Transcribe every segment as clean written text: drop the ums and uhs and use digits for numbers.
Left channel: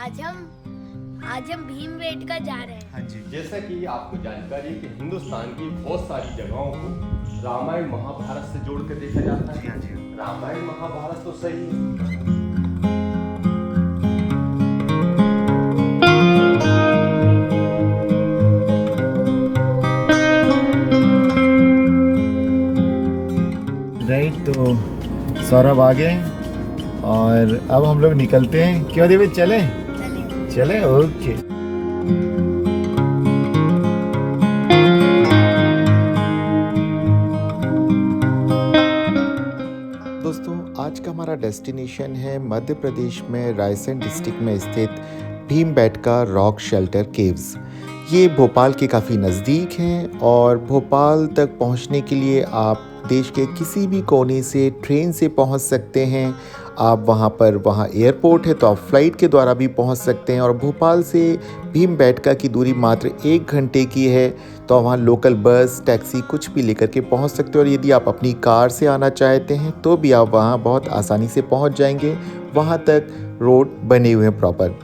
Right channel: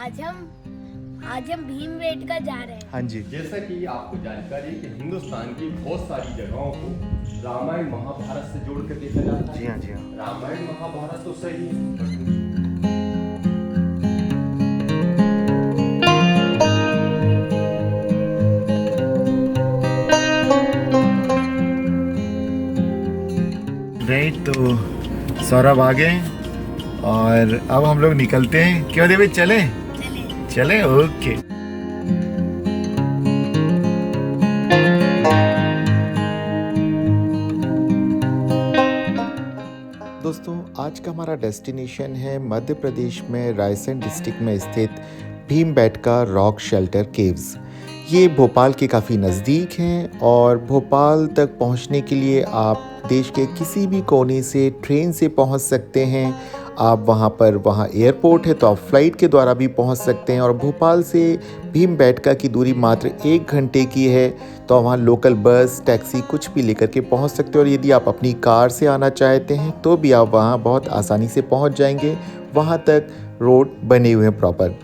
आज हम भीमबेटका जा रहे हैं। हाँ जी। जैसा कि आपको जानकारी है कि हिंदुस्तान की बहुत सारी जगहों को रामायण महाभारत से जोड़कर देखा जाता है। जी हाँ, जी हाँ। रामायण महाभारत तो सही है। राइट, तो सौरभ आ गए और अब हम लोग निकलते हैं। क्यों देवी, चले चले? ओके। दोस्तों, आज का हमारा डेस्टिनेशन है मध्य प्रदेश में रायसेन डिस्ट्रिक्ट में स्थित भीमबेटका रॉक शेल्टर केव्स। ये भोपाल के काफ़ी नज़दीक हैं और भोपाल तक पहुंचने के लिए आप देश के किसी भी कोने से ट्रेन से पहुंच सकते हैं। आप वहाँ एयरपोर्ट है तो आप फ्लाइट के द्वारा भी पहुंच सकते हैं और भोपाल से भीमबेटका की दूरी मात्र 1 घंटे की है। तो वहाँ लोकल बस, टैक्सी कुछ भी लेकर के पहुंच सकते हो और यदि आप अपनी कार से आना चाहते हैं तो भी आप वहाँ बहुत आसानी से पहुंच जाएंगे। वहाँ तक रोड बने हुए हैं प्रॉपर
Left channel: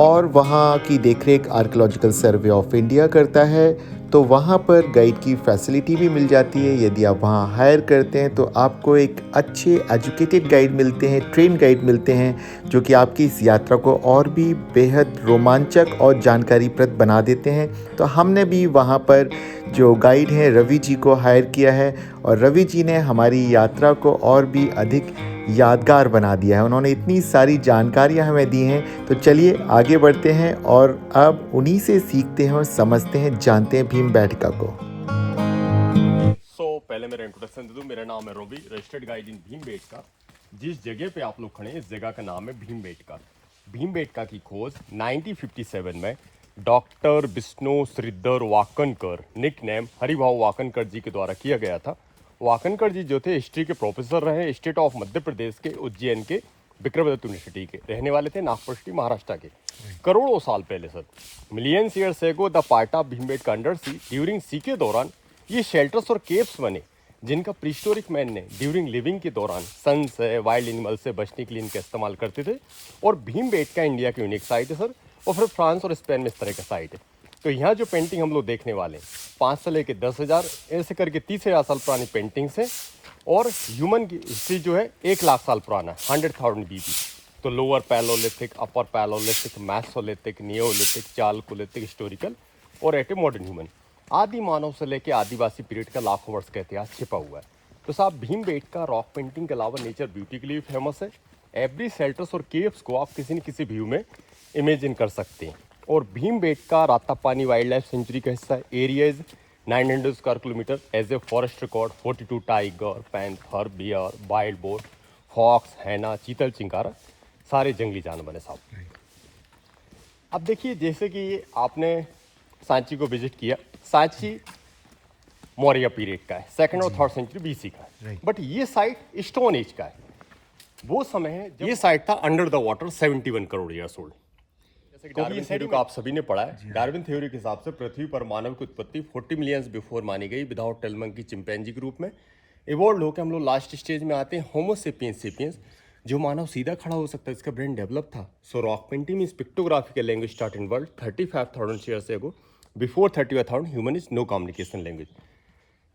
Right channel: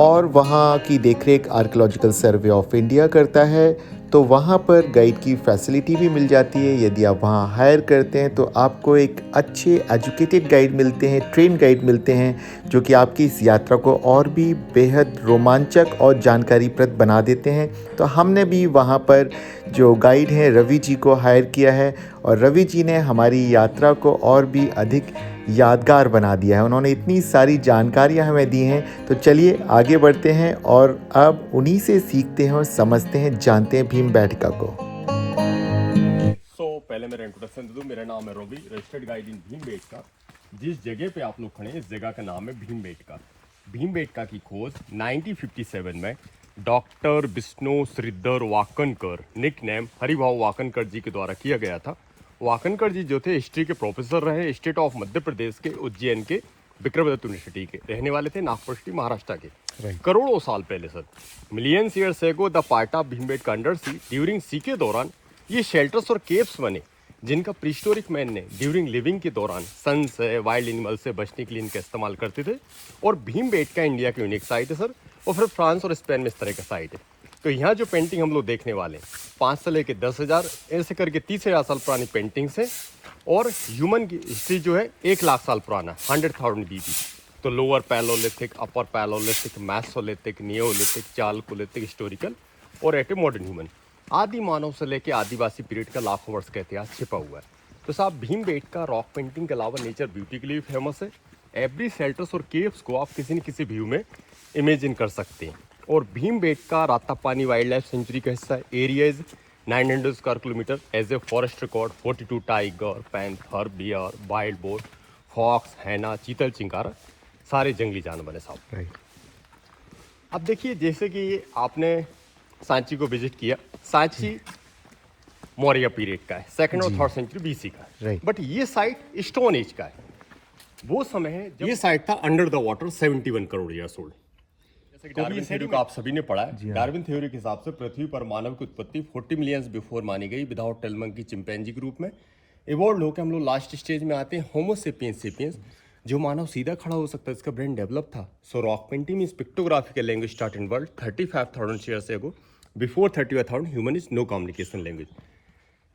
और वहाँ की देखरेख आर्कियोलॉजिकल सर्वे ऑफ इंडिया करता है, तो वहाँ पर गाइड की फैसिलिटी भी मिल जाती है। यदि आप वहाँ हायर करते हैं तो आपको एक अच्छे एजुकेटेड गाइड मिलते हैं, ट्रेन गाइड मिलते हैं, जो कि आपकी इस यात्रा को और भी बेहद रोमांचक और जानकारीप्रद बना देते हैं। तो हमने भी वहाँ पर जो गाइड हैं रवि जी को हायर किया है और रवि जी ने हमारी यात्रा को और भी अधिक यादगार बना दिया है। उन्होंने इतनी सारी जानकारियाँ हमें दी हैं। तो चलिए आगे बढ़ते हैं और अब उन्हीं से सीखते हैं और समझते हैं, जानते हैं भीमबेटका को। पहले मेरा इंट्रोडक्शन दे दूं। मेरा नाम है Ravi, registered guide in Bhimbetka. जिस जगह पे आप लोग खड़े हैं इस जगह का नाम है भीमबेटका। भीमबेटका की खोज 1957 में doctor Vishnu Shridhar Wakankar, nickname Haribhau Wakankar ji के द्वारा किया गया था। वाकनकर जी जो थे हिस्ट्री के प्रोफेसर रहे, स्टेट ऑफ मध्य प्रदेश के उज्जैन के विक्रमदत्त यूनिवर्सिटी के रहने वाले थे, नागपुर सिटी महाराष्ट्र के। करोड़ों साल पहले sir, millions years ago the part of Bhimbetka under sea during sea के दौरान ये शेल्टर्स और केव्स बने, जिनका प्रीस्टोरिक मैन ने ड्यूरिंग लिविंग के दौरान सन से, वाइल्ड एनिमल से बचने के लिए इनका इस्तेमाल करते थे। और भीमबेटका इंडिया की यूनिक साइट है सर, और फिर फ्रांस और स्पेन में इस तरह का साइट है। तो यहाँ जो पेंटिंग हम लोग देखने वाले हैं 5 से लेकर 10,000 ऐसे करके 30,000 साल पुरानी पेंटिंग्स हैं। और ह्यूमन की हिस्ट्री जो है 1 लाख साल पुराना, 100,000 BC। तो lower palaeolithic, upper palaeolithic, mesolithic, neolithic, chalcolithic, historical और एट ए मॉडर्न ह्यूमन। आदि मानव से लेकर आदिवासी पीरियड का लाखों वर्ष का इतिहास छिपा हुआ है। तो साहब भीमबेटका रॉक पेंटिंग के अलावा नेचर ब्यूटी के लिए भी फेमस है। एवरी शेल्टर्स और केव्स को आप किसी न किसी व्यू में इमेजिन कर सकते हैं। और Bhimbetka Ratapani wildlife sanctuary का हिस्सा है। Area is 900 square kilometre. As a forest record 42 tiger, panther, bear, wild boar, fox, hyena, chital, chinkara, सारे जंगली जानवर है साहब। अब देखिए, जैसे कि आपने सांची को विजिट किया, सांची मौर्य पीरियड का है, 2nd और 3rd सेंचुरी BC का है। बट ये साइट स्टोन एज का है। वो समय है जब ये साइट था under the water 71 crore years old. Darwin theory को आप सभी ने पढ़ा है। डार्विन थ्योरी के हिसाब से पृथ्वी पर मानव की उत्पत्ति 40 मिलियंस बिफोर मानी गई, विदाउट टेल मंकी चिंपैंजी के रूप में। इवॉल्व होकर हम लोग लास्ट स्टेज में आते हैं होमो सेपियंस सेपियंस, जो मानव सीधा खड़ा हो सकता है, इसका ब्रेन डेवलप था। So rock painting means pictographical language start in world 35,000 years ago. Before 35,000 human is no communication language.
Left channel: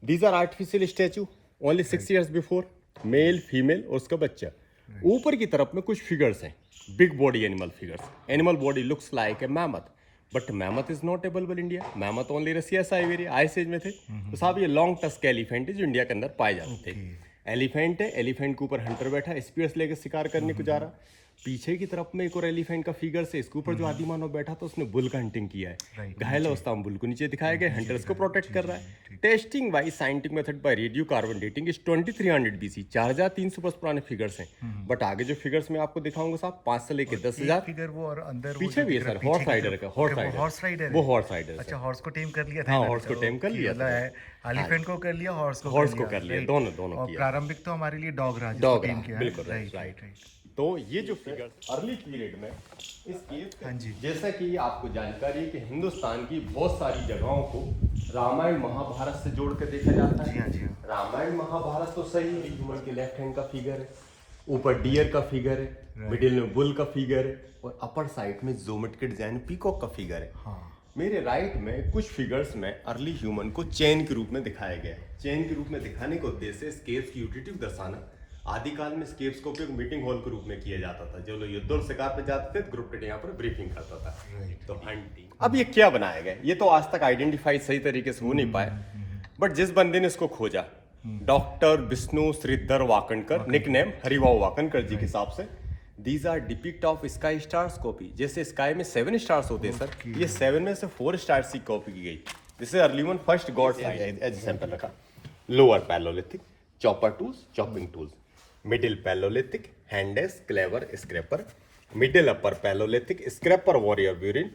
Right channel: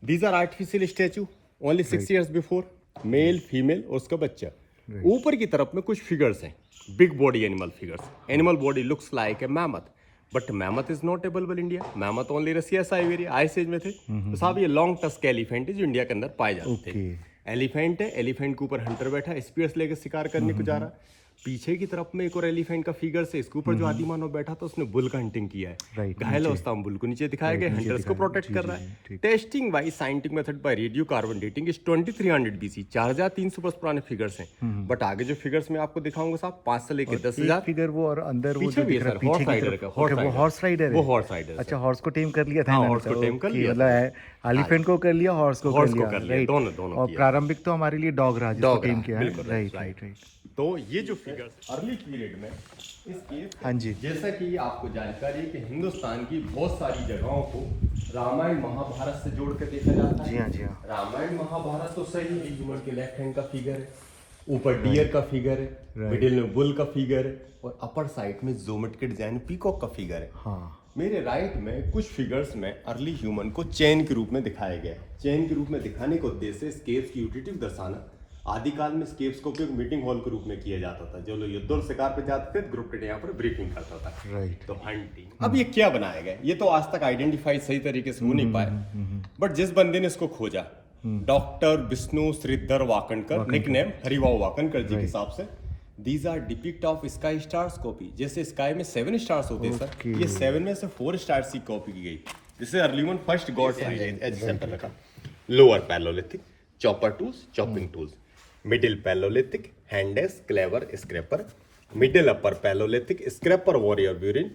These are artificial statue only 6 years before, male, female और उसका बच्चा। ऊपर की तरफ में कुछ फिगर्स हैं, big body animal figures. Animal body looks like a mammoth, but mammoth is not available India. Mammoth only Russia, Siberia, ice age में थे। तो साहब ये लॉन्ग टस्क एलिफेंट है जो इंडिया के अंदर पाए जाते थे। एलिफेंट है, एलिफेंट के ऊपर हंटर बैठा, स्पीयर्स लेकर शिकार करने को जा रहा। पीछे की तरफ में एक और एलिफेंट का फिगर से, इसके ऊपर जो आदि मानव बैठा था उसने बुल का हंटिंग किया है। घायल अवस्था में बुल को नीचे दिखाया गया, हंटर्स को प्रोटेक्ट कर रहा है। Testing by scientific method by radio carbon dating is 2300 BC, 4300 वर्ष पुराने फिगर्स हैं। बट आगे जो फिगर्स मैं आपको दिखाऊंगा साहब 5 से लेकर 10,000 फिगर वो और अंदर पीछे भी है सर, हॉर्स राइडर का। हॉर्स राइडर, वो हॉर्स राइडर। अच्छा, हॉर्स को टेम कर लिया था। हाँ, हॉर्स को टेम कर लिया, मतलब एलिफेंट को कर लिया, हॉर्स को कर लिया, दोनों। और प्रारंभिक तो हमारे लिए डॉग रहा, जिसको टेम किया है। राइट। तो ये जो फिगर्स अर्ली पीरियड में इस केस, हाँ जी, जैसा कि आपको जानकारी है कि हिंदुस्तान की बहुत सारी जगहों को रामायण महाभारत से जोड़कर देखा जाता है। जी हाँ, जी हाँ। रामायण महाभारत तो सही है, ह्यूमन के लेफ्ट हैंड का फिगर है। ऊपर डियर का फिगर है, मिडिल में बुल का फिगर है और अपर साइड में ज्योमेट्रिक डिजाइन पीकॉक का फिगर है। हाँ मेरे राइट में कुछ फिगर्स में अर्ली ह्यूमन को चेन के रूप में दिखाया गया है। चेन के रूप में दिखाने का उद्देश्य स्केप्स की यूटिलिटी दर्शाना। आदिकाल में स्केप्स का उपयोग मीटिंग हॉल के रूप में किया जाता था। जो लोग युद्ध और शिकार पे जाते थे ग्रुप यहाँ पर ब्रीफिंग करता था। राइट। तो हंटिंग। अब ये क्या बनाया गया, ये तो आज तक आइडेंटिफाई सही तरीके से हो नहीं पाया, बट जिस बंदे ने इसको खोजा डॉक्टर विष्णु श्रीधर वाकणकर, निकनेम हरिभाऊ वाकणकर जी के हिसाब से, these are depict of sky stars copy. जैसे स्काई में 7 स्टार्स होते हैं सर, ये 7 में से 4 स्टार्स की कॉपी की गई। जिसे early one first god as sample रखा। Lower palaeolithic chopper tools, chopping tools. Middle palaeolithic handaxe, cleaver, scraper. Middle upper palaeolithic scraper, warrior burin.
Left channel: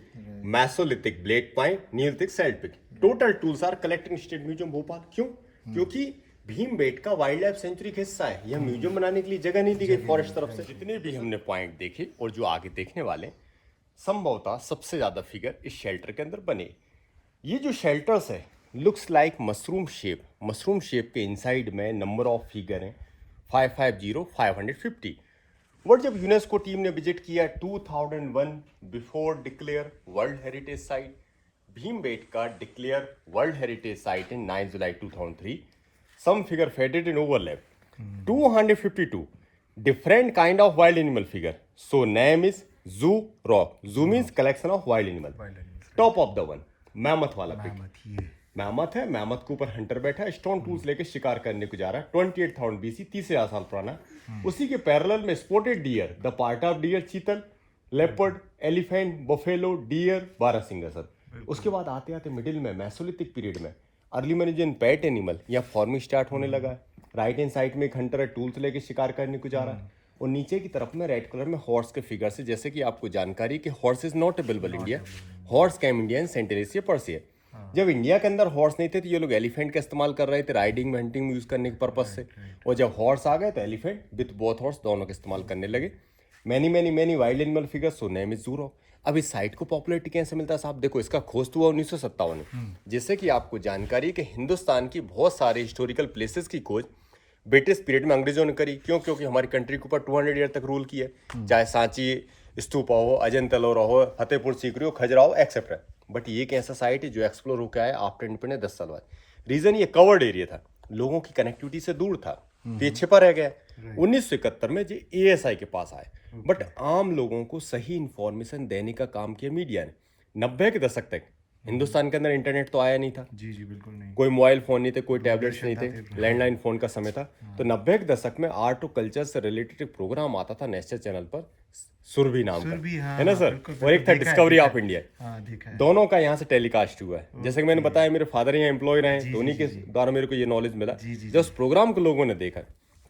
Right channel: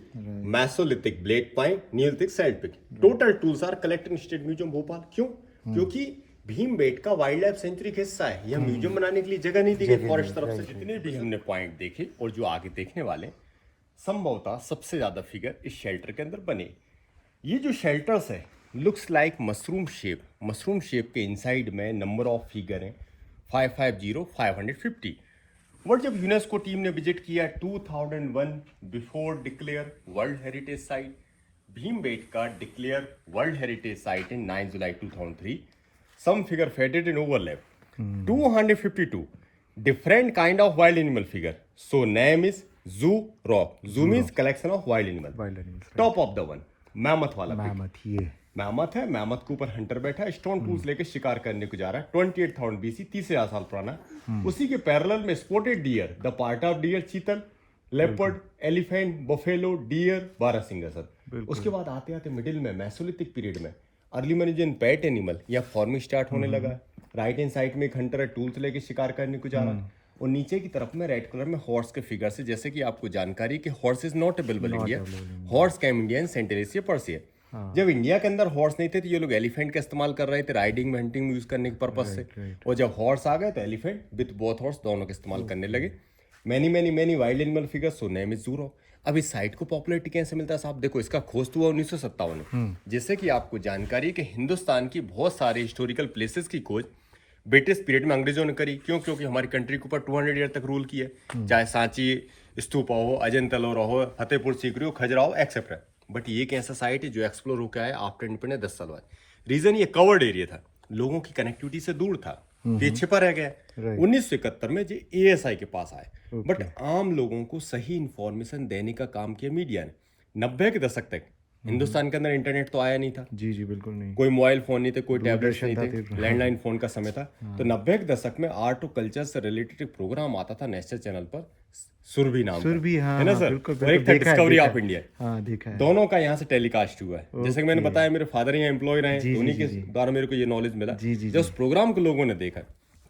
Mesolithic blade point, neolithic celt pick. Total tools are collected state museum Bhopal. क्यों? क्योंकि Bhimbetka wild life sanctuary का हिस्सा है। यह museum बनाने के लिए जगह नहीं दी गई फॉरेस्ट तरफ से। जितने भी हमने पॉइंट देखे और जो आगे देखने वाले, संभवतः सबसे ज्यादा फिगर इस शेल्टर के अंदर बने। ये जो शेल्टर्स है looks like mushroom shape. Mushroom shape के इनसाइड में नंबर ऑफ फिगर हैं 550, 550। बट जब यूनेस्को टीम ने विजिट किया 2001, before declare world heritage site, Bhimbetka declare world heritage site in 9 July 2003, some figure faded and overlap. 252 different kind of wild animal figure. So name is Zoo Rock. Zoo means collection of wild animal. Top of the one mammoth वाला pic. Mammoth है। Mammoth के ऊपर Hunter बैठा है, stone tools लेके शिकार करने को जा रहा है। 28,000 BC, 30,000 साल पुराना। उसी के पैरेलल में spotted deer, the part of deer, chital, leopard, elephant, buffalo, deer, barasingha sir. उसके बाद आते आते मिडिल में मैसोलिथिक पीरियड में अर्ली मनीजन पेट एनिमल या फॉर्मिंग स्टार्ट होने लगा है। राइट हैंड साइड में एक हंटर है, टूल्स लेके शिकार करने को जा रहा है। और नीचे की तरफ में रेड कलर में हॉर्स के फिगर से, जैसे कि आपको जानकारी कि horse is not available India. Horse came India in सेंटेनेसिया पर्सिया। जब इंडिया के अंदर हॉर्स नहीं थे तो ये लोग एलिफेंट का इस्तेमाल कर रहे थे राइडिंग में, हंटिंग में यूज करने के पर्पज से। और जब हॉर्स आ गए तो एलिफेंट विथ बोथ हॉर्स दोनों का इस्तेमाल करने लगे। Many many many wild animal figure, so name is zoo rock. अब इस साइट को पॉपुलैरिटी कैसे मिलता है साहब? देखो, इसका खोज तो हुआ 1957 में। जैसे कि आपको जानकारी है कि हिंदुस्तान की बहुत सारे हिस्टोरिकल प्लेसेस की खोज ब्रिटिश पीरियड में अंग्रेजों ने करी। क्यों? क्योंकि हमारी कंट्री के ऊपर 200 ईयर तक रूल किया, चाहे सांची स्तूपा हो, अजंता एलोरा हो, फतेहपुर सीकरी हो, खजुराहो एक्सेट्रा। बट ये एक ऐसा साइट है जो एक्सप्लोर होकर आया आफ्टर इंडिपेंडेंस 10 साल बाद। रीजन ये कवर्ड एरिया था, लोगों की कनेक्टिविटी से दूर था, ये छिपा रह गया। 1971 में जो ASI के पास आए। बट आम लोगों को सही इंफॉर्मेशन देने का काम किया मीडिया ने। 90 के दशक तक हिंदुस्तान के अंदर इंटरनेट तो आया नहीं था। जी जी बिल्कुल नहीं। कोई मोबाइल फोन नहीं थे, कोई टैबलेट्स नहीं थे, लैंडलाइन फोन का समय था। तो 90 के दशक में आर्ट और कल्चर से रिलेटेड एक प्रोग्राम आता था नेशनल चैनल पर, सुरभि नाम का, है ना सर? और एक था डिस्कवरी ऑफ इंडिया। दोनों का यहाँ से टेलीकास्ट हुआ है। जैसे कि मैंने बताया, मेरे फादर यहाँ एम्प्लॉय रहे, तो उन्हीं के द्वारा मेरे को ये नॉलेज मिला। जब उस प्रोग्राम को लोगों ने देखा,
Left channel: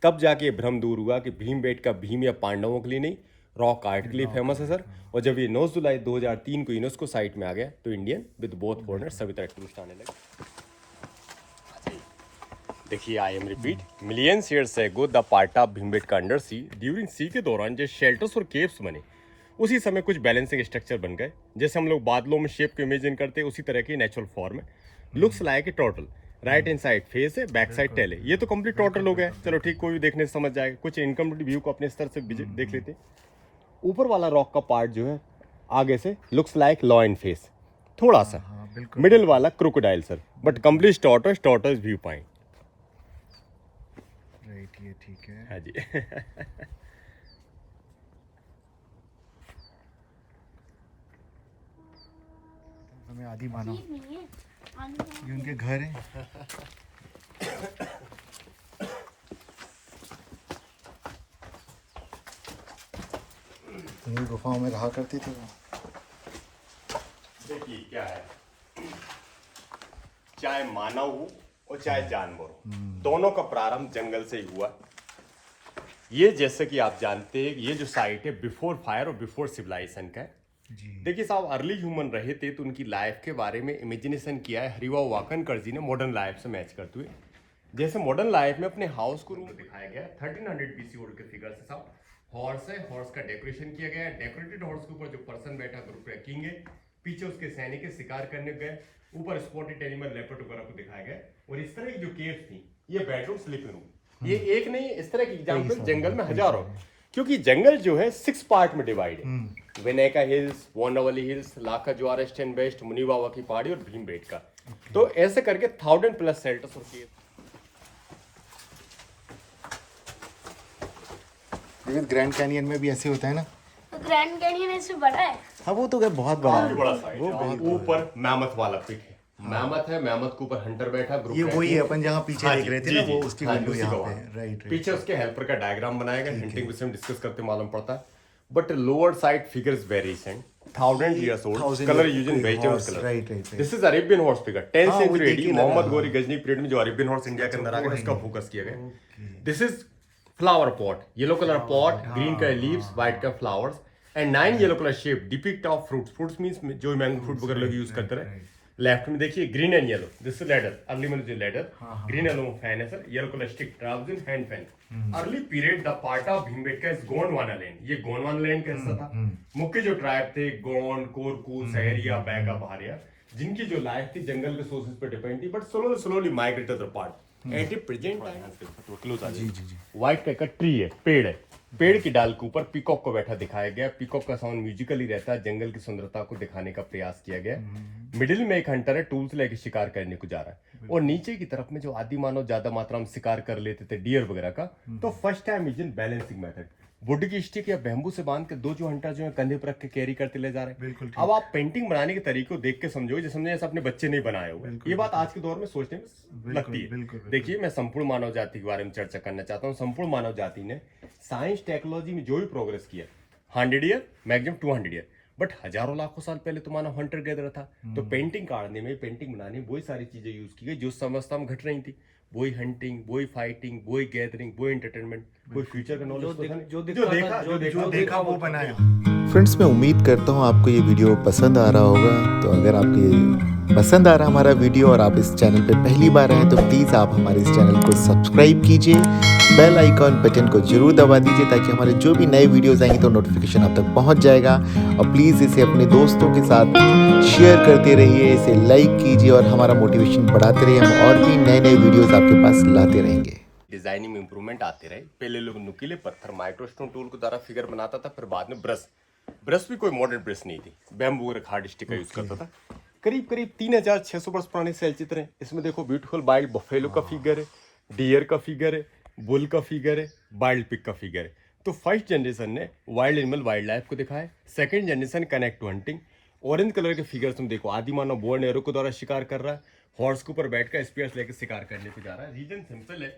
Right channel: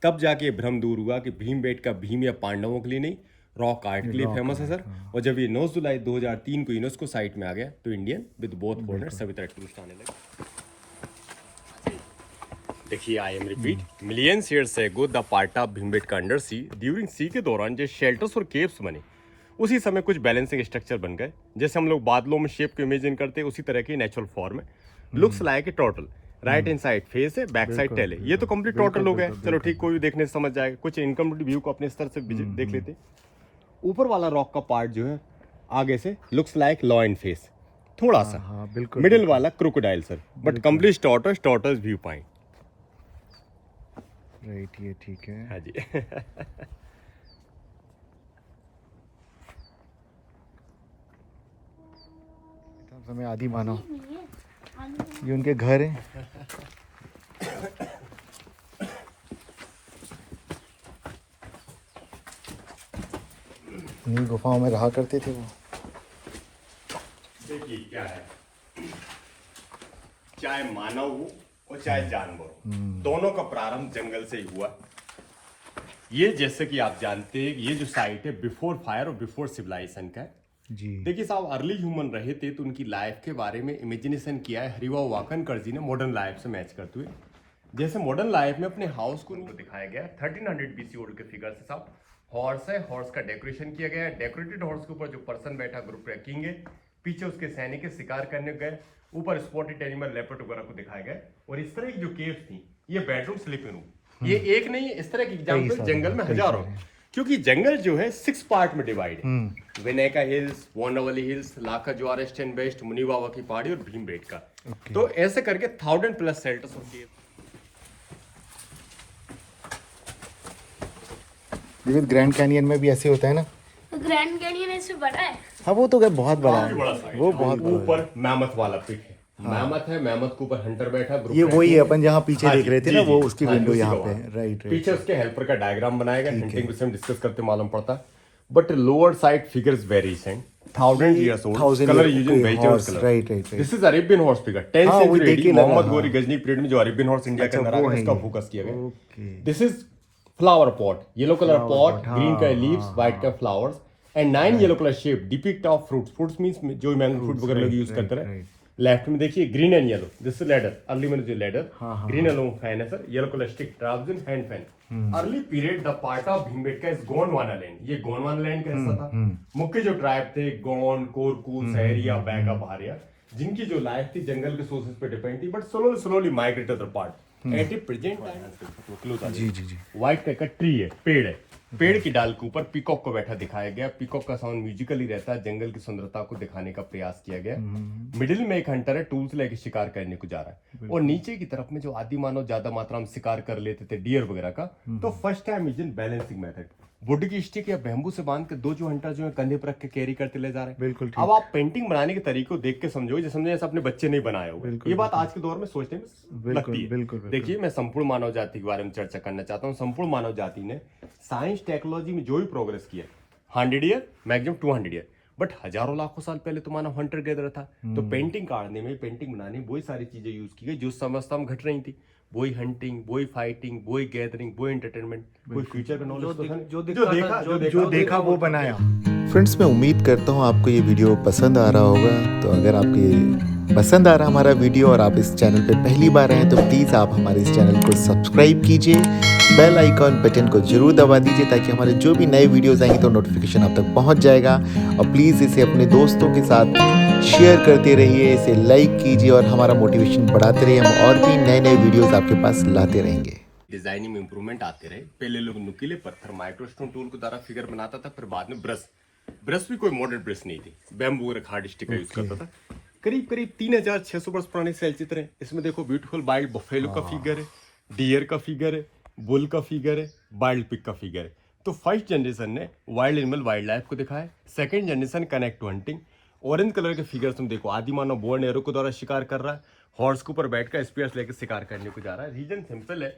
तब जाके ये भ्रम दूर हुआ कि भीमबेटका भीम या पांडवों के लिए नहीं, रॉक आर्ट के लिए फेमस है सर। और जब ये 9 जुलाई 2003 को यूनेस्को साइट में आ गया तो इंडियन विद बोथ फॉरेनर सभी तरह टूरिस्ट आने लगे। देखिए, I am repeat, millions years ago the part of Bhimbetka under sea, during sea के दौरान जो शेल्टर्स और केव्स बने, उसी समय कुछ बैलेंसिंग स्ट्रक्चर बन गए। जैसे हम लोग बादलों में शेप को इमेजिन करते हैं, उसी तरह की नेचुरल फॉर्म है। लुक्स लाइक ए total. Right hand side face है, बैक साइड टेल है। ये तो कंप्लीट टोटल हो गया। चलो ठीक, कोई भी देखने से समझ जाएगा। कुछ इनकम्प्लीट व्यू को अपने स्तर से देख लेते हैं। ऊपर वाला रॉक का पार्ट जो है आगे से लुक्स लाइक लॉयन फेस, थोड़ा सा। मिडिल वाला crocodile sir, but complete tortoise view point. Right, ये ठीक है। हाँ जी। हमें आदि मानो, ये उनके घर है। इन्हीं गुफाओं में रहा करते थे वो। देखिए क्या है, चाहे मानव हो और चाहे जानवर हो, दोनों का प्रारंभ जंगल से ही हुआ। ये जैसे कि आप जानते हैं, ये जो साइट है बिफोर फायर और बिफोर सिविलाइजेशन का है जी। देखिए साहब, अर्ली ह्यूमन रहे थे तो उनकी लाइफ के बारे में इमेजिनेशन किया है हरिभाऊ वाकणकर जी ने मॉडर्न लाइफ से मैच करते हुए। जैसे मॉडर्न लाइफ में अपने हाउस को रूप दिखाया गया 1300 BC ओल्ड के फिगर से साहब। हॉर्स है, हॉर्स का डेकोरेशन किया गया है। डेकोरेटेड हॉर्स के ऊपर जो पर्सन बैठा ग्रुप किंग है, पीछे उसके सैनिक है, शिकार करने गए। ऊपर स्पॉटेड एनिमल लेपर्ड वगैरह को दिखाया गया। और इस तरह की जो केव्स थी, ये बेडरूम, स्लीपिंग रूम, ये एक नहीं, इस तरह के एग्जाम्पल सारे जंगल में कई हजारों, सारे। क्योंकि जंगल जो है 6 पार्ट में डिवाइड है। Hmm. Vinayaka hills, Waranavali hills, Lakha Juar east and west, Muni Baba की पहाड़ी और भीमबेटका। ओके। तो ऐसे करके 1000+ शेल्टर्स होती है। विविध ग्रैंड कैनियन में भी ऐसे होता है ना? ग्रैंड कैनियन ऐसे बड़ा है। हाँ वो तो बहुत बड़ा बहुत बड़ा है, साइड वो है। बहुत बड़ा है। ऊपर मैमथ वाला पिक है, मैमथ है, मैमथ के ऊपर हंटर बैठा ग्रुप। ये वही है अपन जहाँ पीछे हाँ देख जी, रहे थे जी, ना, जी, वो जी। उसकी हाँ जी, विंडो उसी यहाँ को पे वहाँ। है। राइट पीछे राइट। उसके हेल्पर का डायग्राम बनाया गया, ठीक हंटिंग है। विषय में डिस्कस करते मालूम पड़ता है। But lower side figures very same, 1000 years old, 1000 color year, using okay, vegetable horse, color. right, right, right. This is Arabian horse figure, 10th हाँ, वो century देख AD, के लगा, मोहम्मद हाँ। गोरी गजनी पीरियड में जो अरेबियन हॉर्स इंडिया के अच्छा, अंदर आ वो गया, है इसका ये। फोकस किया गया। Okay. This is flower pot, yellow colour Flower pot, pot, green हाँ, का लीव्स, हाँ, व्हाइट का हाँ। Flowers and 9 yellow colour shape depict of fruits. Fruits means जो मैंगो फ्रूट वगैरह लोग right, यूज करते right, रहे। right. लेफ्ट में देखिए green and yellow, this is ladder, early में जो लेडर, हाँ, हाँ, ग्रीन एंड फैन है sir, yellow colour stick, trouser hand fan. Early period the part of Bhimbetka is Gondwana land. ये गोंडवाना लैंड का हिस्सा था। मुख्य जो ट्राइब थे गोंड, कोरकू, सहरिया, बैगा, बहारिया, जिनकी जो लाइफ थी जंगल के सोर्सेज पे डिपेंड थी, but slowly migrated the part at a present time. जी जी जी। व्हाइट कलर का ट्री है, पेड़ है, पेड़ की डाल के ऊपर पीकॉक को बैठा दिखाया गया। पीकॉक का साउंड म्यूजिकली रहता है, जंगल की सुंदरता को दिखाने का प्रयास किया गया। मिडिल में एक हंटर है, टूल्स लेके शिकार करने को जा रहा है, और नीचे की तरफ में जो आदि मानव ज्यादा मात्रा में शिकार कर लेते थे डियर वगैरह का, तो first time use in balancing method, would की स्टिक या बैम्बू से बांध के दो जो हंटर जो है कंधे पर रख के कैरी करते ले जा रहे हैं। बिल्कुल ठीक। अब आप पेंटिंग बनाने के तरीके को देख के समझो, जैसे समझे जैसे अपने बच्चे नहीं बनाए होंगे। बिल्कुल, ये बात आज के दौर में सोचने में बिल्कुल, लगती है। बिल्कुल, बिल्कुल। देखिए, मैं संपूर्ण मानव जाति के बारे में चर्चा करना चाहता हूँ। संपूर्ण मानव जाति ने साइंस टेक्नोलॉजी में जो भी प्रोग्रेस किया, 100 ईयर मैक्सिमम 200 ईयर, बट हजारों लाखों साल पहले तो मानव हंटर गैदर था। तो पेंटिंग काटने में, पेंटिंग बनाने में वही सारी चीजें यूज की गई जो उस अवस्था में घट रही थी। वही हंटिंग, वही फाइटिंग, वही गैदरिंग, वही एंटरटेनमेंट, कोई फ्यूचर का नॉलेज जो देखा वो बनाया। फ्रेंड्स, मैं उम्मीद करता हूँ आपको ये वीडियो पसंद आ रहा होगा। तो अगर आपको ये पसंद आ रहा हमारा वीडियो और आप इस चैनल पे पहली बार हैं तो प्लीज़ आप हमारे इस चैनल को सब्सक्राइब कीजिए, बेल आइकॉन बटन को जरूर दबा दीजिए ताकि हमारे जो भी नए वीडियोस आएंगे तो नोटिफिकेशन आप तक पहुंच जाएगा। और प्लीज़ इसे अपने दोस्तों के साथ शेयर करते रहिए, इसे लाइक कीजिए और हमारा मोटिवेशन बढ़ाते रहिए। हम और भी नए नए वीडियोज़ आपके पास लाते रहेंगे। डिजाइनिंग में इंप्रूवमेंट आते रहे। पहले लोग नुकीले पत्थर माइक्रोस्टोन टूल के द्वारा फिगर बनाता था, फिर बाद में ब्रश भी कोई मॉडर्न ब्रश नहीं थी, बैम्बू और हार्ड स्टिक का यूज करता था। करीब करीब 3600 वर्ष पुराने सेल चित्र हैं। इसमें देखो ब्यूटीफुल वाइल्ड बफेलो का फिगर है, डियर का फिगर है, बुल का फिगर है, वाइल्ड पिग का फिगर है। तो फर्स्ट जनरेशन ने वाइल्ड एनिमल वाइल्ड लाइफ को दिखाया, second generation connect to hunting. Orange colour के फिगर तुम देखो, आदि मानव बोर्ड एरो के द्वारा शिकार कर रहा है, हॉर्स के ऊपर बैठकर स्पीयर्स लेकर शिकार करने को जा रहा है। रीजन सिंपल है,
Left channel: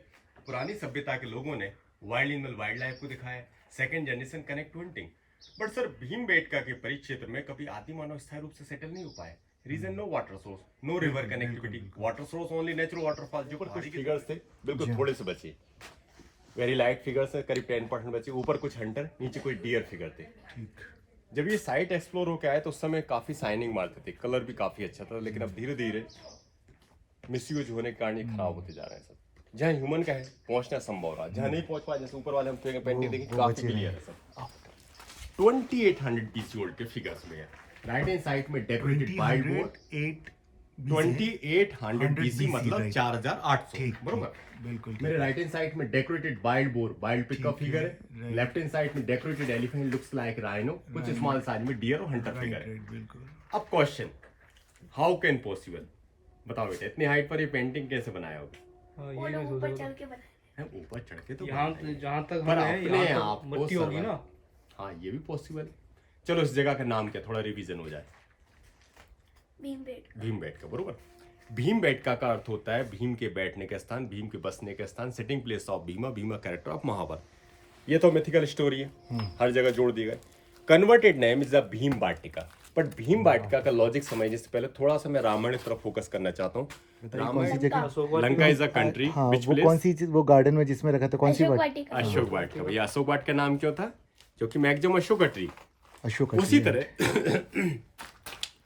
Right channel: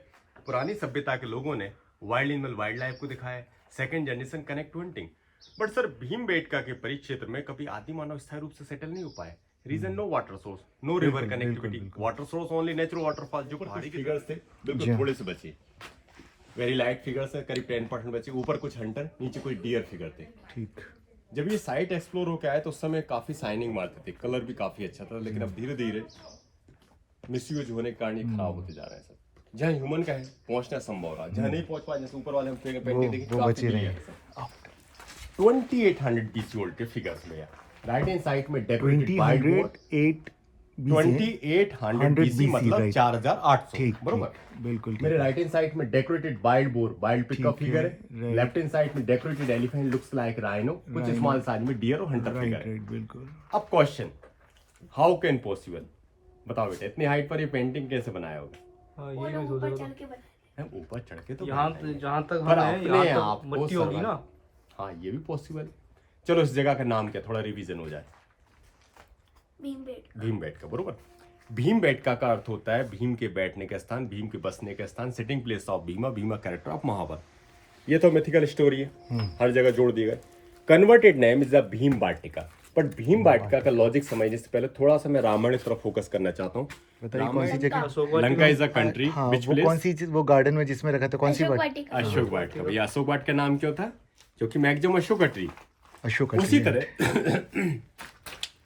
पुरानी सभ्यता के लोगों ने वाइल्ड एनिमल वाइल्ड लाइफ को दिखाया, second generation connect to hunting. But sir Bhimbetka के परिक्षेत्र में कभी आदि मानव स्थायी रूप से सेटल नहीं हो पाए। Reason no water source, no river connectivity, water source only natural waterfall. जो पहाड़ी के फिगर्स थे बिल्कुल थोड़े से बचे, वेरी लाइट फिगर्स है, करीब 10% बचे। ऊपर कुछ हंटर, नीचे कोई डियर फिगर थे। ठीक। जब ये साइट एक्सप्लोर होकर आया तो उस समय काफी शाइनिंग मारते थे, कलर भी काफी अच्छा था, लेकिन अब धीरे धीरे मिसयूज होने के कारण ये खराब होते जा रहे हैं। सब जहाँ ह्यूमन का है पहुंचना संभव रहा, जहाँ नहीं पहुंच पाया, जैसे ऊपर वाले हम पेंटिंग देखिए वो काफी बचे क्लियर रहे। है। 2800 BC ओल्ड के फिगर्स में राइट हैंड साइड में डेकोरेटेड वाइल्ड बोर्ड 2800 BC मतलब 4800, ठीक, बरोबर। बिल्कुल ठीक। मेरे राइट हैंड साइड में decorated wild boar, wild pig का ठीक फिगर है, है। right. लेफ्ट हैंड साइड में decorated elephant looks like rhino, कुछ Rhino. स्मॉल साइज में डियर और हंटर फिगर राइट है। राइट बिल्कुल। अब क्वेश्चन, हाउ कैन पॉसिबल, बताओ बेटा, इतनी हाइट पर ये पेंटिंग कैसे बनाया होगा? वो लोग ऊपर चढ़ के बनाए। ऊपर चढ़ के तो यहाँ बनाया जहाँ तक पर हम हैं, अपने यहाँ आप तक को मट्टी होगी survive- ना। हाँ ये भी पॉसिबल। चलो इस जगह का नाम क्या, थोड़ा रिवीजन हो जाए। भीमबेटका। भीमबेटका, बरोबर। भीमबेटका का अर्थ होता है भीम के बैठने का स्थान, भीम के बसने का स्थान, sitting place of Bhima, Bhima character of Mahabharata. ये तो मिथिकल स्टोरी है, हर जगह जोड़ दिया गया। Converted name is the Bhim Batika. But Bhim Batika का लॉजिक समझने से पहले थोड़ा सा मैं रामायण की तरफ फोकस करना चाहता हूँ। बताइए कौन सी जगह? लंका इज अ कंट्री हाँ, विच वो प्लेस? कौन सी चीज, वो गार्डन में जिसमें रखा था, कौन सी अशोक बात? वाटिका। अशोक वाटिका। भैया अशोक वाटिका का नाम क्यों था? क्योंकि मैक्सिमम अशोक ट्री। अशोक। उसी तरह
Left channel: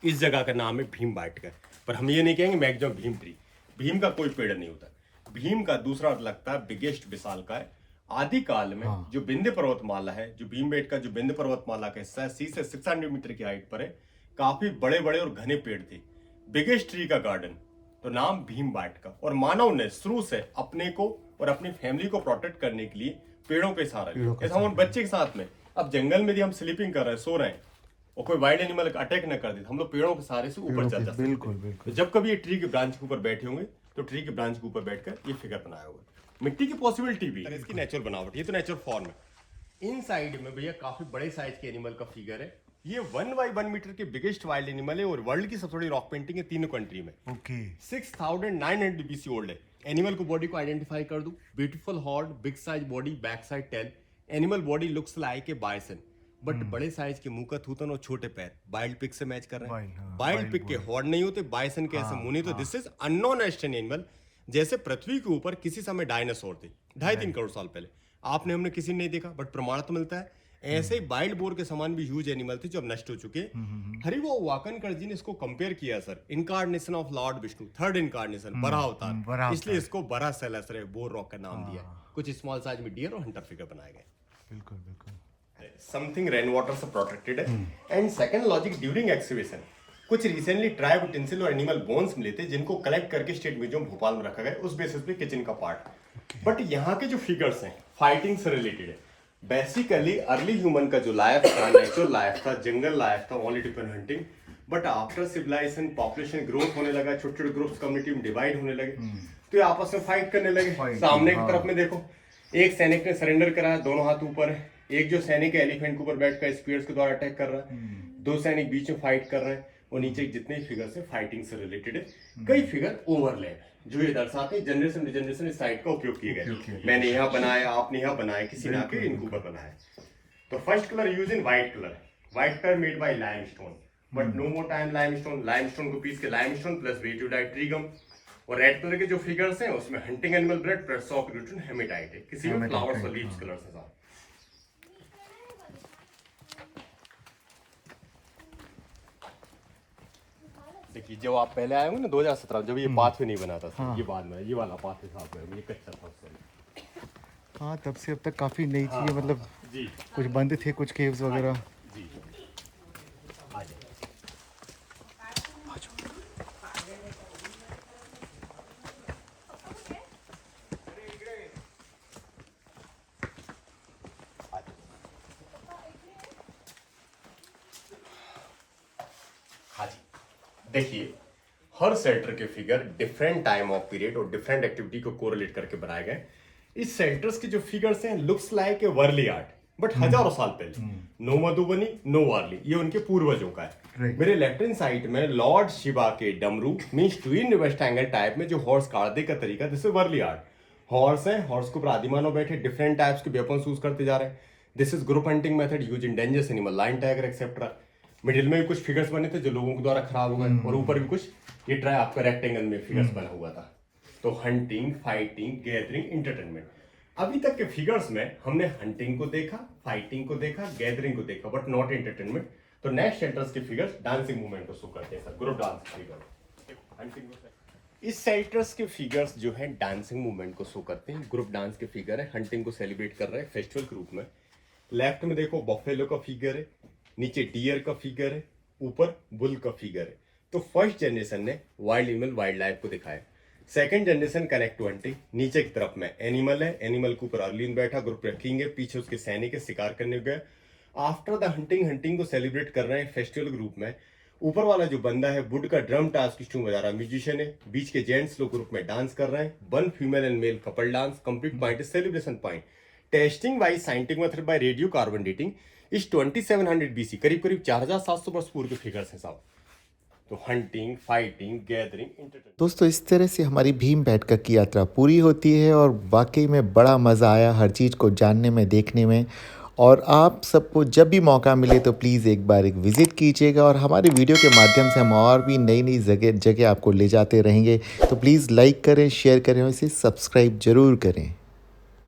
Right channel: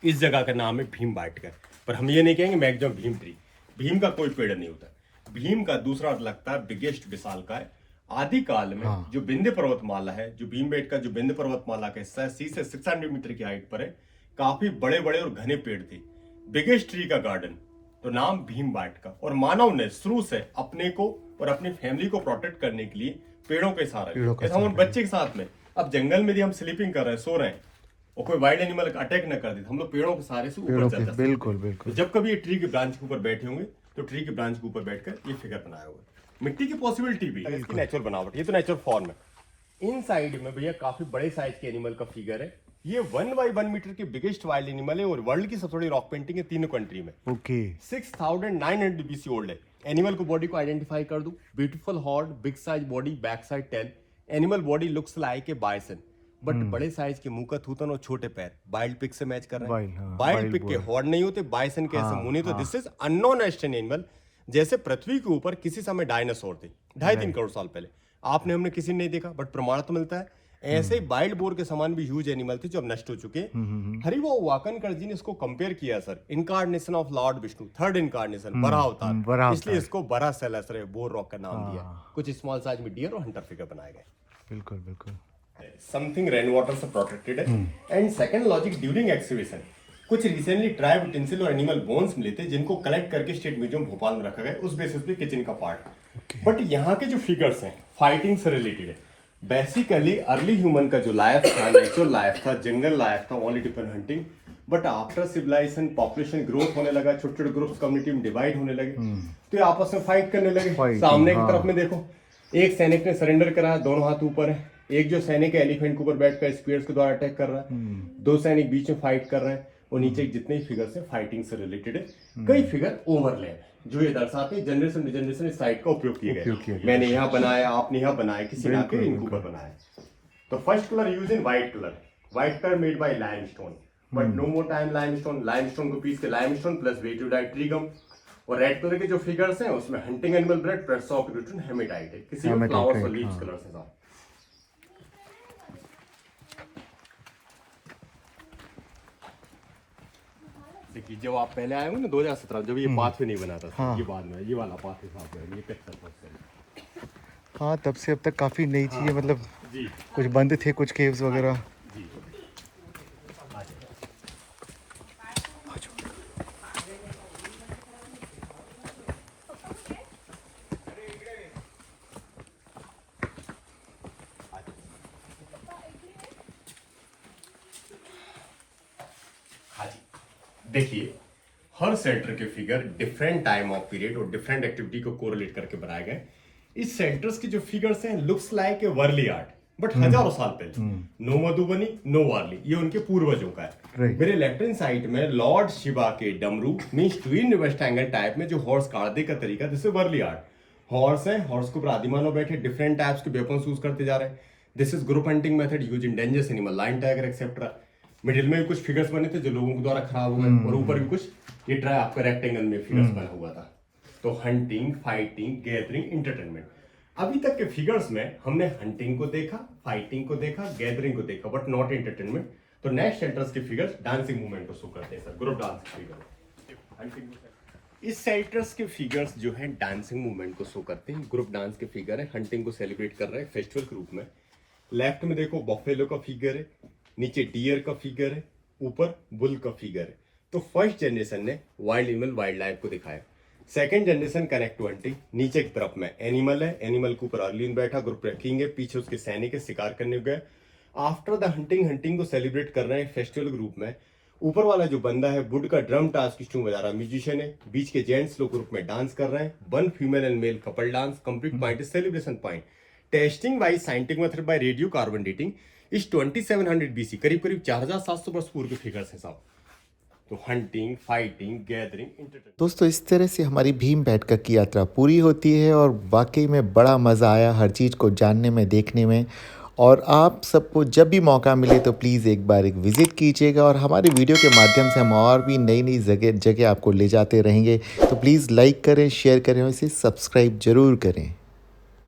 इस जगह का नाम है भीम बाटिका। पर हम ये नहीं कहेंगे मैक्सिमम भीम ट्री, भीम का कोई पेड़ नहीं होता। भीम का दूसरा अर्थ लगता है बिगेस्ट, विशालकाय। आदि काल में जो विंध्य पर्वतमाला है, जो भीमबेटका जो विंध्य पर्वतमाला का हिस्सा है, 6 से 600 मीटर की हाइट पर है, काफी बड़े बड़े और घने पेड़ थे। बिगेस्ट ट्री का गार्डन तो नाम भीमबेटका। और मानव ने शुरू से अपने को और अपनी फैमिली को प्रोटेक्ट करने के लिए पेड़ों के सहारा लिया। जैसे हम बच्चे के साथ में अब जंगल में यदि हम स्लीपिंग कर रहे हैं, सो रहे हैं और कोई वाइल्ड एनिमल अटैक न कर दे, हम लोग पेड़ों के सहारे से ऊपर चल जाते हैं। बिल्कुल बिल्कुल। तो जब कभी ये ट्री के ब्रांच के ऊपर बैठे होंगे तो ट्री के ब्रांच के ऊपर बैठकर ये फिगर बनाया होगा। मिट्टी की पॉसिबिलिटी भी है, इसकी नेचुरल बनावट, ये तो नेचुरल फॉर्म है। इन साइड में भैया काफी बड़े साइज के एनिमल का फिगर है। ये 1 by 1 मीटर के बिगेस्ट वाइल्ड एनिमल है और वर्ल्ड की सबसे बड़ी रॉक पेंटिंग है तीनों कंट्री में। ओके। 6900 BC ओल्ड है। एनिमल को बॉडी को आइडेंटिफाई कर दूं, beautiful horn, big size body, back side tail. Animal body looks like a bison, but बड़े साइज के मुंह का थूथन और छोटे पैर वाइल्ड पिग से मैच कर रहे हैं। वाइल्ड पिग के हॉर्न नहीं होते, बाइसन के ऐसे मुंह नहीं। तो दिस इज अननोन एस्टेन एनिमल। जैसे पृथ्वी के ऊपर किसी समय डायनासोर थे 2.5-3 करोड़ साल पहले, आपने हमने किसी ने नहीं देखा, बट प्रमाण तो मिलता है। ऐसे ही वाइल्ड बोर के समान भी ह्यूज एनिमल थे जो अब नष्ट हो चुके हैं। हरिवो वाकनकर जी ने इसको कंपेयर किया sir, incarnation of Lord Vishnu, third incarnation, बड़ा अवतार, इसलिए इसको बड़ा सेलेसर बोर रॉक का नाम दिया। कुछ स्मॉल साइज में डियर और हंटर फिगर बनाए गए। बिल्कुल बिल्कुल। समथिंग रेन वाटर से प्रोटेक्टेड है। And second logic, during exhibition कुछ रिसेंटली ट्राइब यूटेंसिल और एनिमल बोन्स मिले थे जिनको कलेक्ट करके स्टेट म्यूजियम भोपाल में रखा गया, उस बेसिस पे किचन का पार्ट। बट यहाँ के जो फिगर्स हैं फाइटिंग से रिलेटेड है। बेसिकली अर्ली ह्यूमन का जो लाइफ था, नेचुरल लाइफ था, जंगल लाइफ था, only depend hunting. But after civilisation population growth होने लगा, छोटे छोटे ग्रुप्स कम्युनिटी में डिवाइड होने लगे, तो ये आपस में फाइट करने लगे। सामने की तरफ में देखो, एक सैनिक ने सरेंडर करा, दोनों हाथ ऊपर है। एक जो सैनिक है एलिफेंट के ऊपर बैठकर स्पीयर्स के द्वारा अटैक कर रहा है। 2 सैनिक बीच में फाइट कर रहे हैं और नीचे जितने फिगर्स है फाइटिंग से रिलेटेड है। कई फिगर ओवरलैप है जो ये दर्शाते हैं जनरेशन टू जनरेशन इस साइट का उपयोग किया गया। मैंने यहाँ बनाया, आपने यहाँ बनाया, किसी ने आके इनके ऊपर बनाया। तो first colour use in white colour, white colour made by limestone, but no more time limestone को पीस के लाइमस्टोन प्लस वेटियोडाइट ट्रीगम। और रेड कलर के जो फिगर्स हैं उसमें हंटिंग एनिमल ब्रेड प्लस सॉक रूटन हेमेटाइट है, किसी में फ्लावर्स और लीव्स कलर्स है। देखिए जब आप पहले आए हो ना 2017, जब ये पाथवे नहीं बना था, ये बाद में ये वाला पाथवे साफ है, ये कच्चा था। हाँ, तब से अब तक काफी नई चीजें, मतलब जी कुछ बंद थे, कुछ केव्स वगैरह। जी देखिए हर सेल्टर के figure different time of period और डिफरेंट एक्टिविटी को कोरिलेट करके बनाए गए। इस सेल्टर्स के जो फिगर्स हैं looks like a Warli art, but हजारों साल पहले। नो मधुबनी, नो वार्ली, ये उनके पूर्वजों का है। मेरे लेफ्ट हैंड साइड में लॉर्ड शिवा के डमरू मींस ट्विन वेस्टैंगल टाइप में जो हॉर्स काटने का तरीका, this is Warli art. Horse है, हॉर्स के ऊपर आदिमानव बैठे डिफरेंट टाइप्स के वेपन्स यूज करते जा रहे हैं। This is group hunting method use in dangerous animal, lion, tiger etcetera. Middle में भी कुछ फिगर्स बने थे जो लोगों के द्वारा खराब हुए, और ऊपर भी कुछ ये ट्राई आपका रेक्टेंगल में फिगर्स बना हुआ था। तो हंटिंग, फाइटिंग, गैदरिंग, एंटरटेनमेंट। अभी तक के फिगर्स में हमने हंटिंग को देखा, फाइटिंग को देखा, गैदरिंग को देखा, बट नॉट एंटरटेनमेंट। तो नेक्स्ट सेल्टर्स के फिगर्स डांसिंग मूवमेंट को शो करते हैं सर, ग्रुप डांस फिगर। इस सेल्टर्स के फिगर्स जो है डांसिंग मूवमेंट को शो करते हैं, ग्रुप डांस के फिगर है, हंटिंग को सेलिब्रेट कर रहे हैं फेस्टिवल के रूप में। लेफ्ट में देखो बफेलो का फिगर है, नीचे डियर का फिगर है, ऊपर बुल का फिगर है। तो फर्स्ट जनरेशन ने वाइल्ड एनिमल वाइल्ड लाइफ को दिखाया। Second generation connect to hunting, नीचे की तरफ में एनिमल है, एनिमल के ऊपर अर्लिन बैठा, ग्रुप रखेंगे, पीछे उसके सैनिक शिकार करने गए। आफ्टर द हंटिंग, हंटिंग को सेलिब्रेट कर रहे हैं फेस्टिवल के रूप में। ऊपर वाला जो बंदा है वुड का ड्रम टास्क बजा रहा म्यूजिशियन है, बीच के जेंट्स लोग ग्रुप में डांस कर रहे हैं। 1 female and male couple dance, complete point is celebration point. Testing by scientific method by radio carbon dating is 2700 BC, करीब करीब 4700 वर्ष पूर्व के फिगर्स हैं साहब। तो हंटिंग, फाइटिंग, गैदरिंग, एंटरटेनमेंट। दोस्तों, इस तरह से हमारी भीमबेटका की यात्रा पूरी होती है और वाकई में बड़ा मज़ा आया हर चीज़ को जानने में, देखने में। और आप सबको जब भी मौका मिले तो प्लीज़ एक बार विज़िट कीजिएगा, और हमारे वीडियो के माध्यम से हम और भी नई नई जगह आपको ले जाते रहेंगे। तो प्लीज़ लाइक करें, शेयर करें और इसे सब्सक्राइब ज़रूर करें।